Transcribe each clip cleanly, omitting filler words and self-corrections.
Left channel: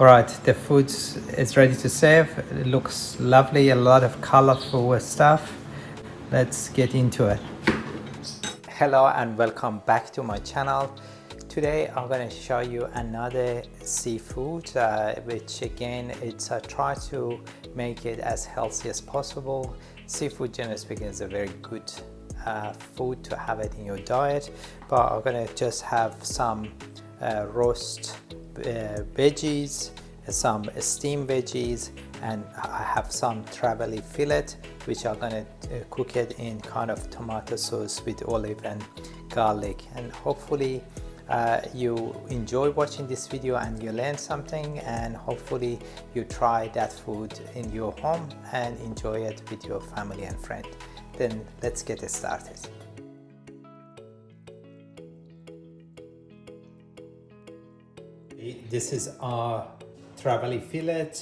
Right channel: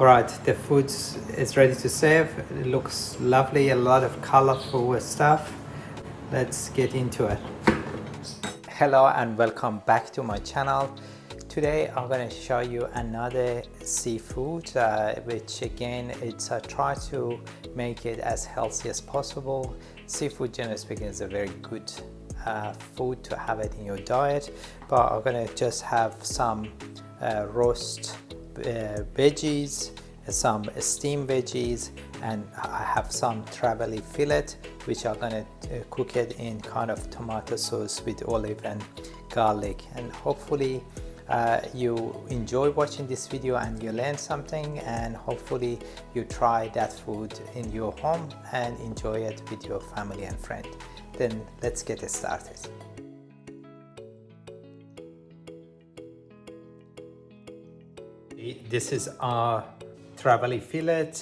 Alright, the food is ready to serve. It looks lovely, a lot of colorful stuff. Let's get into it. Hello and welcome back to my channel. Today I'm going to show you another seafood, which again, it's try to make it as healthy as possible. Seafood, generally speaking, is a very good food to have it in your diet, but I'm going to just have some roast veggies, some steamed veggies, and I have some Trevally fillet, which I'm going to cook it in kind of tomato sauce with olive and garlic. And hopefully you enjoy watching this video and you learn something, and hopefully you try that food in your home and enjoy it with your family and friend. Then let's get started. This is our Trevally fillet.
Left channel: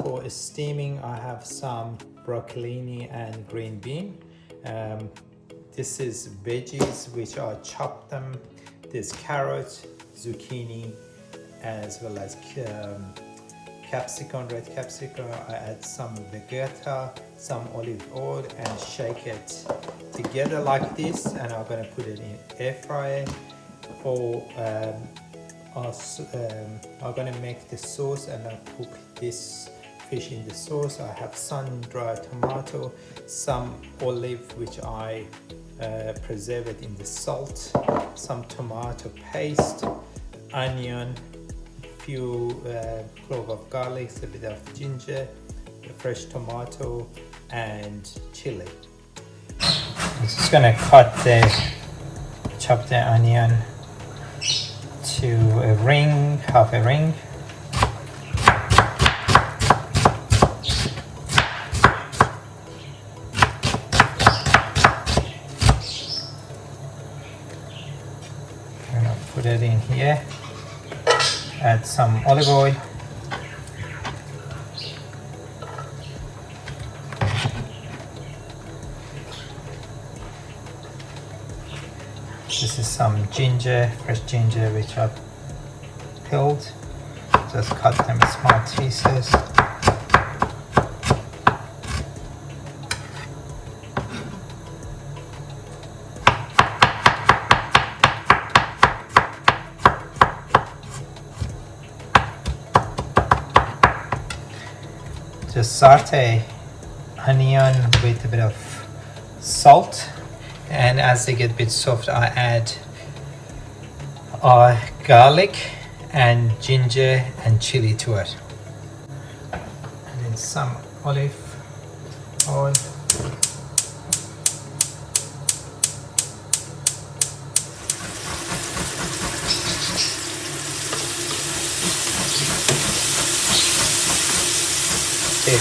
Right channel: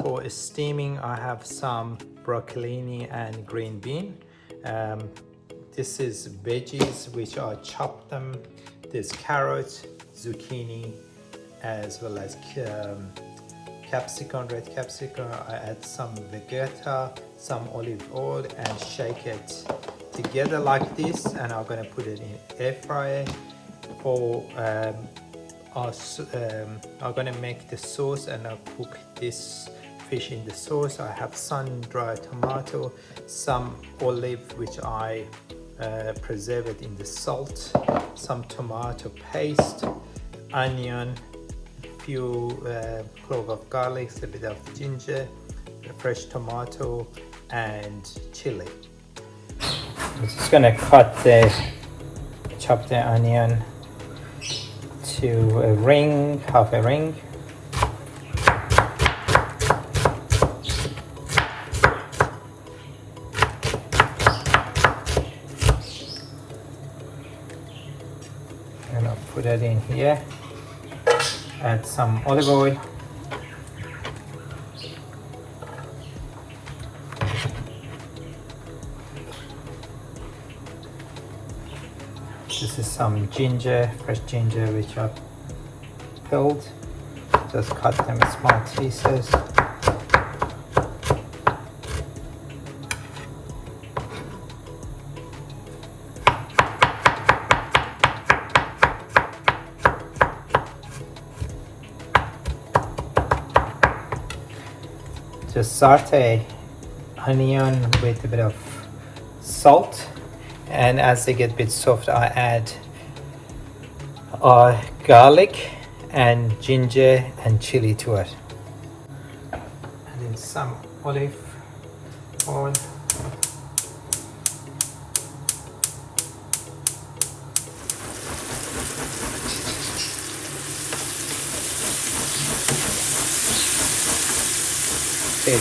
For steaming, I have some broccolini and green bean. This is veggies, which I chopped them. There's carrot, zucchini, as well as capsicum, red capsicum. I add some vegeta, some olive oil, and shake it together like this. And I'm gonna put it in air fryer. For I'm gonna make the sauce, and I'll cook this fish in the sauce. I have sun-dried tomato, some olive which I preserve it in the salt, some tomato paste, onion, few cloves of garlic, a bit of ginger, a fresh tomato, and chili. I'm just gonna chop the onion to a ring, half a ring. And I'll put it in here. Add some olive oil. This is some ginger, fresh ginger, which I've peeled. Just cut them in small pieces. Just saute onion with a bit of salt. And as they get a bit soft, I add garlic and ginger and chili to it. And then some olive oil. The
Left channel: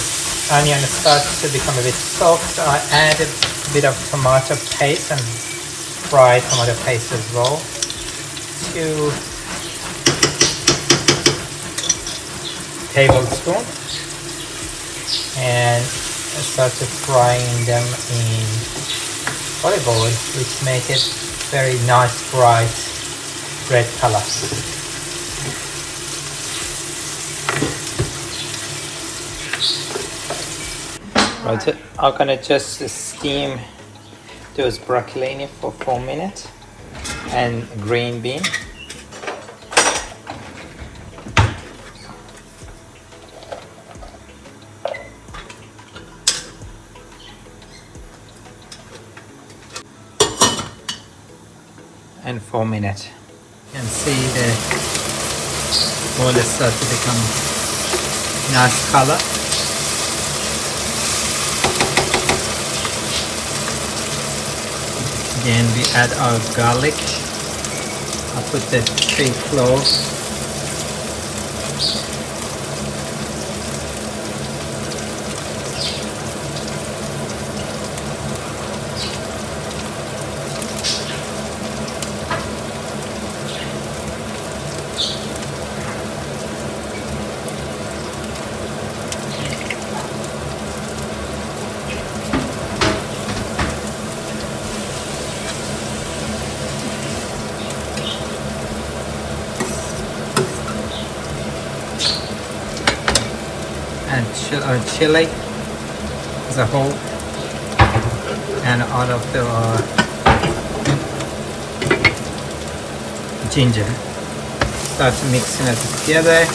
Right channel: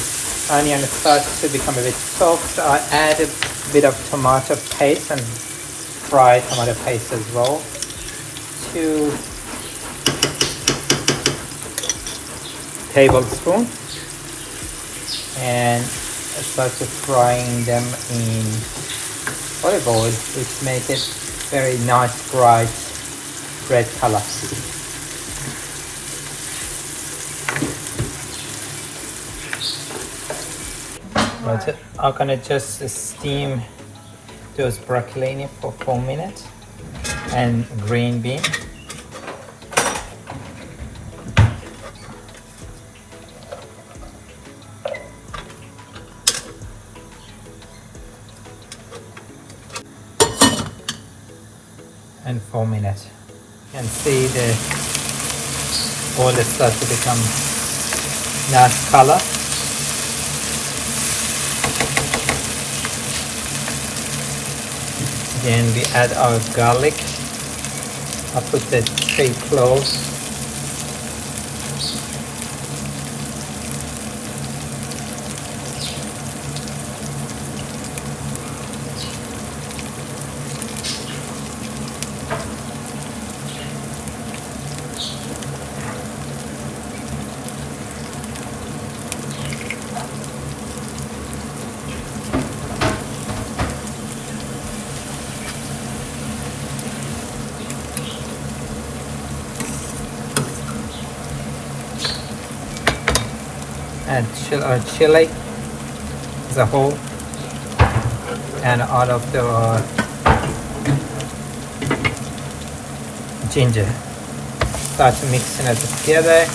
onion starts to become a bit soft. I add a bit of tomato paste and fried tomato paste as well. 2 tablespoons, and I started frying them in olive oil, which make it very nice bright red color. Right, I'm gonna just steam those broccolini for 4 minutes and green bean. And 4 minutes, and see the oil start to become nice color. Then we add our garlic. I put the 3 cloves. and chili as a whole, and all of the ginger. Start mixing it together.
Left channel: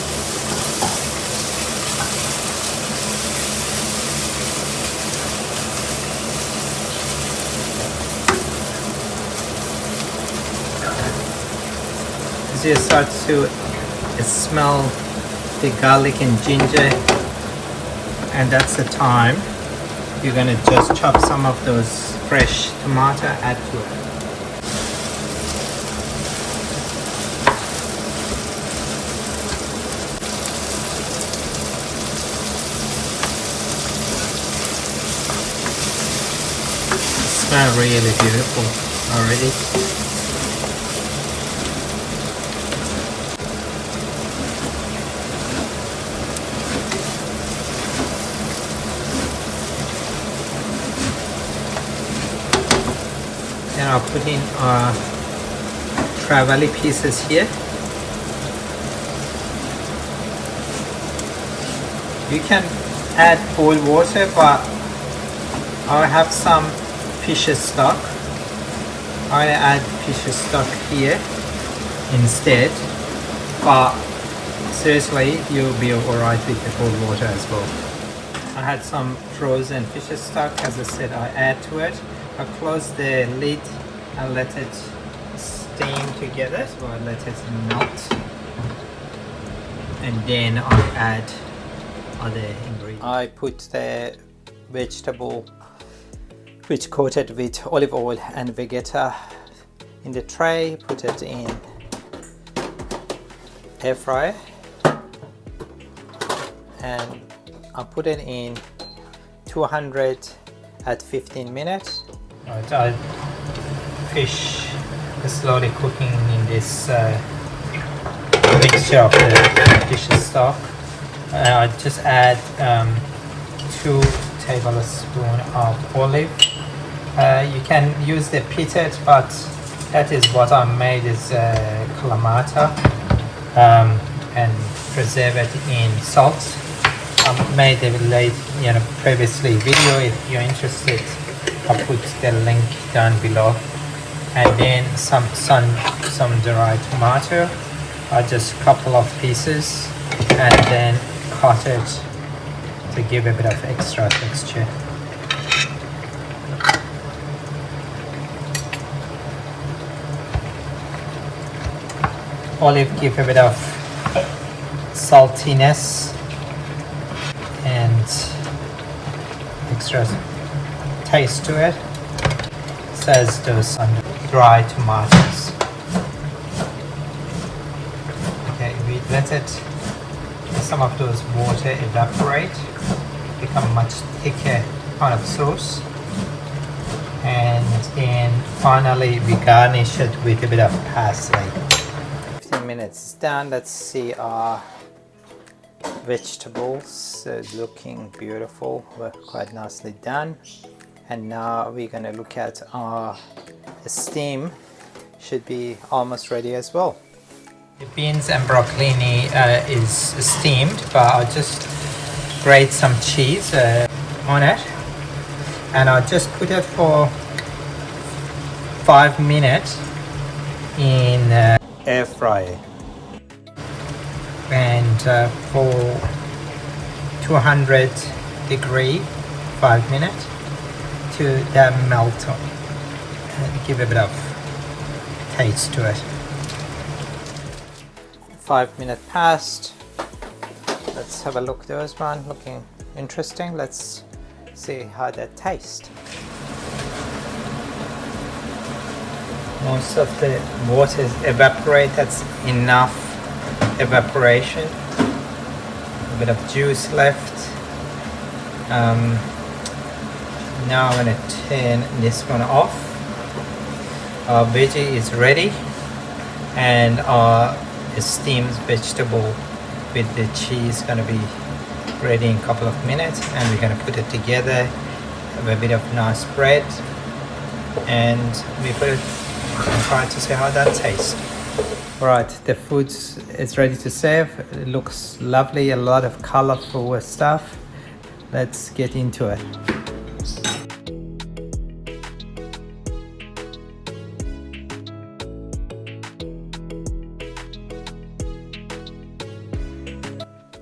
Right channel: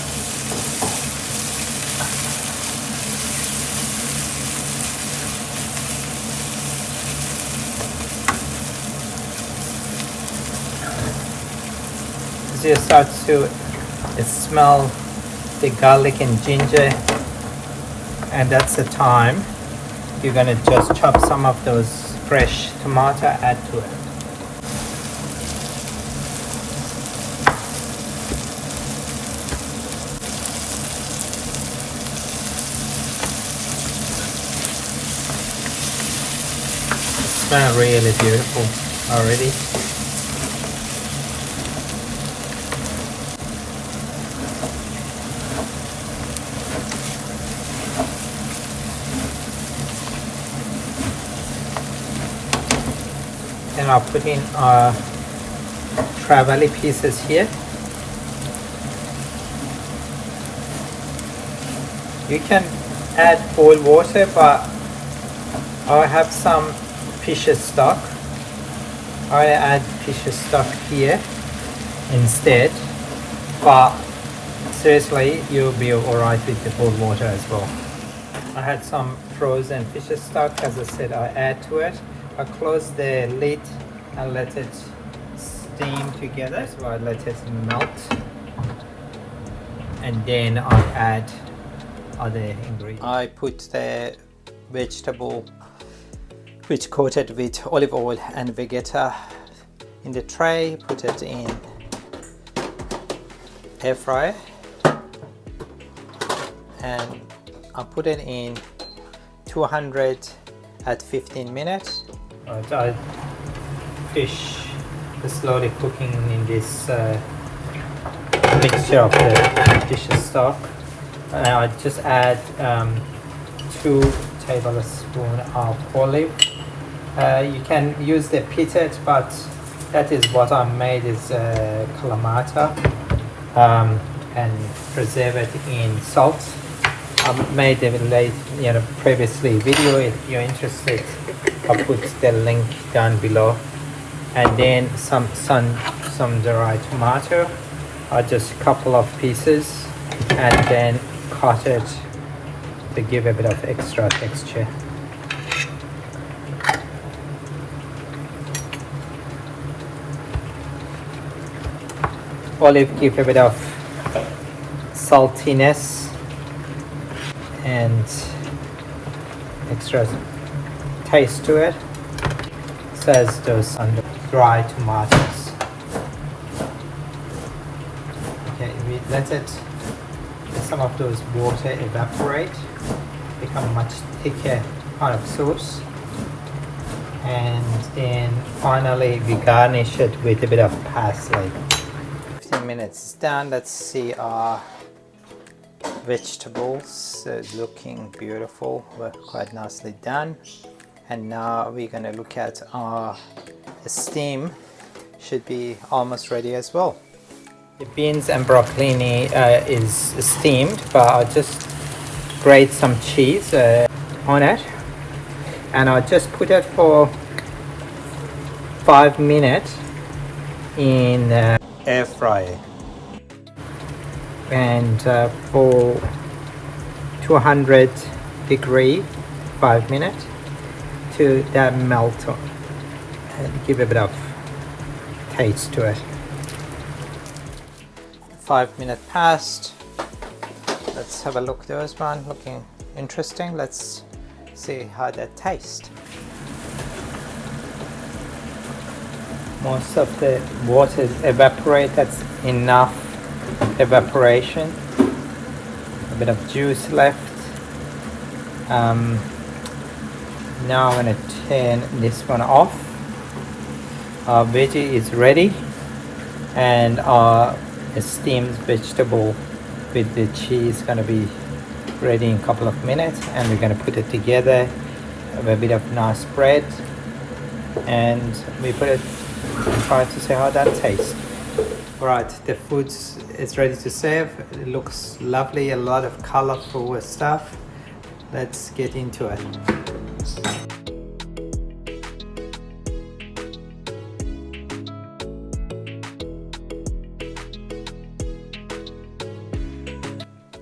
As you start to smell the garlic and ginger, and that's the time you're gonna just chop some of those fresh tomato, add to it. It smells really beautiful already. And I'll put in Trevally pieces here. You can add boiled water, but I have some fish stock. I add fish stock here instead, but seriously, you'll be alright with the cold water as well. I had some frozen fish stock, as I said, I add to it. I close the lid and let it steam together, so I let it melt, and then I'll add other ingredients. I put the vegetable which coated with olive oil and vegeta in the tray, put it in air fryer, and I put it in 200 at 15 minutes. Right, fish is slowly cooking in this mixture of the fish stock. I just add 2 tablespoons of olive. You can use the pitted, but that is what I made is Kalamata, and preserve it in salt. I made a previously video. If you're interested, I'll put the link down below. And then some dried tomato. I just couple of pieces and then cut it to give a bit of extra texture. Olive give a bit of saltiness and extra taste to it, so as does some dry tomatoes. Okay, we let it, some of those water evaporate, become much thicker kind of sauce, and then finally we garnish it with a bit of parsley. 15 minutes done. Let's see our vegetables. Looking beautiful, quite nicely done. And now we're gonna look at our steam. Should be almost ready as well. The beans and broccolini is steamed, but I just grate some cheese on it, and I'll just put it for 5 minutes in air fryer, and for 200 degree 5 minutes to that melt up, give a bit of taste to it. 5 minutes passed. Let's have a look. There's one looking interesting. Let's see how that tastes. Most of the water is evaporated. That's enough evaporation. A bit of juice left. Now I'm going to turn this one off. Our veggie is ready, and our steamed vegetable with the cheese going to be ready in a couple of minutes, and we're going to put it together. Have a bit of nice bread, and we put it and try to see how that tastes. Alright, the food is ready to serve. It looks lovely, a lot of colorful stuff. Let's get into it.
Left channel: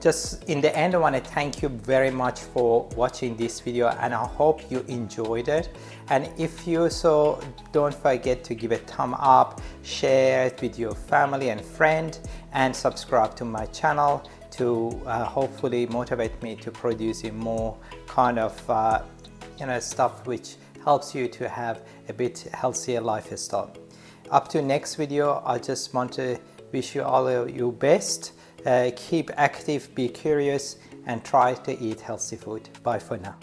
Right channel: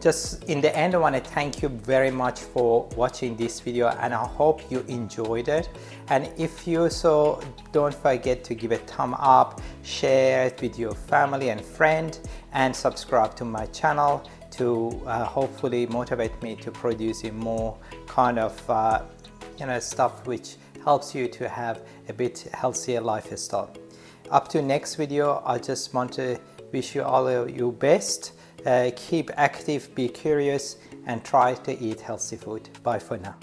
Just in the end, I want to thank you very much for watching this video, and I hope you enjoyed it. And if you so, don't forget to give a thumb up, share it with your family and friend, and subscribe to my channel to hopefully motivate me to produce more kind of stuff which helps you to have a bit healthier lifestyle. Up to next video, I just want to wish you all of your best. Keep active, be curious, and try to eat healthy food. Bye for now.